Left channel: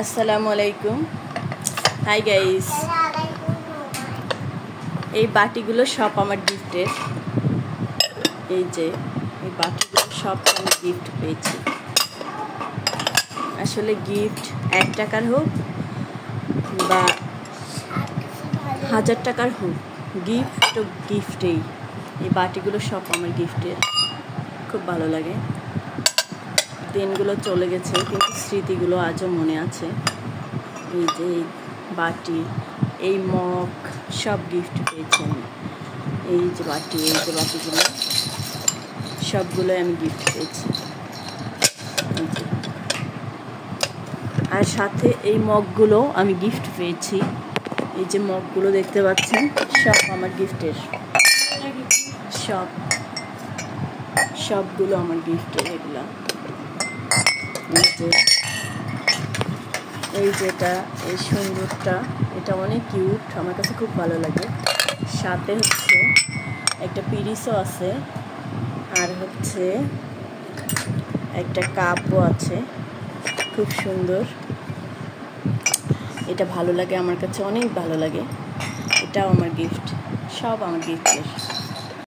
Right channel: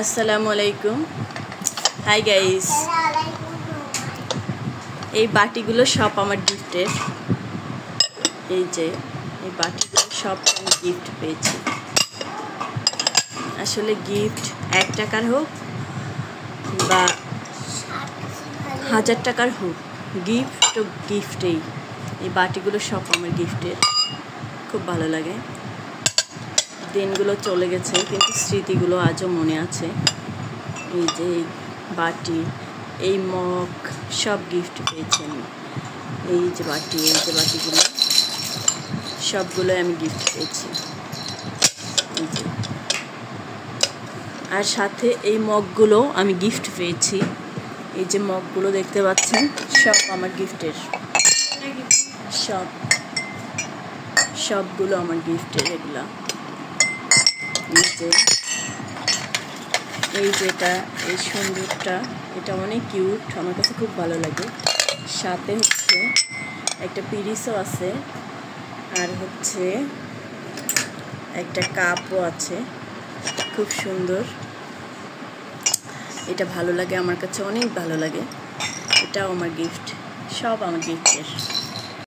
আসসালামু আলাইকুম। Hi guys, এই বাটিগুলো সব আমার গিফটের। এই যে এই বাটিগুলো সব আমি গিফট পেয়েছি। আসলে গিফট 1 টাকার হোক বা 1000 টাকার হোক, গিফট তো গিফটেই। এই বাটিগুলো সব আমার গিফটের, খুব ভালো লাগে। দিনগুলো চলে গেছে কিন্তু স্মৃতিগুলো আজও মনে আছে। এই যে এই বাটি, এই মগ সব গিফট পেয়েছি আমি। এই যে বাটি, এই যে বাটিগুলো সবগুলো আমি গিফট পেয়েছি। এই যে, আর সাথে এই মগগুলো আমি গিফট পেয়েছি। এই যে মগগুলো দেখতে পাচ্ছেন, সব আমার গিফটের। সবগুলো আমার গিফটের এগুলা। এই যেটা, এই সুন্দরটা, এটা অনেক কিউট, আমার কাছে খুব ভালো লাগে। সাথে হচ্ছে একটা পিরিসও আছে, আর হচ্ছে একটা কাপও আছে, খুব সুন্দর। এটা ভালো লাগে, আমার কাছে অনেক ভালো লাগে। এটাও আমার গিফট, সব আমার গিফটের।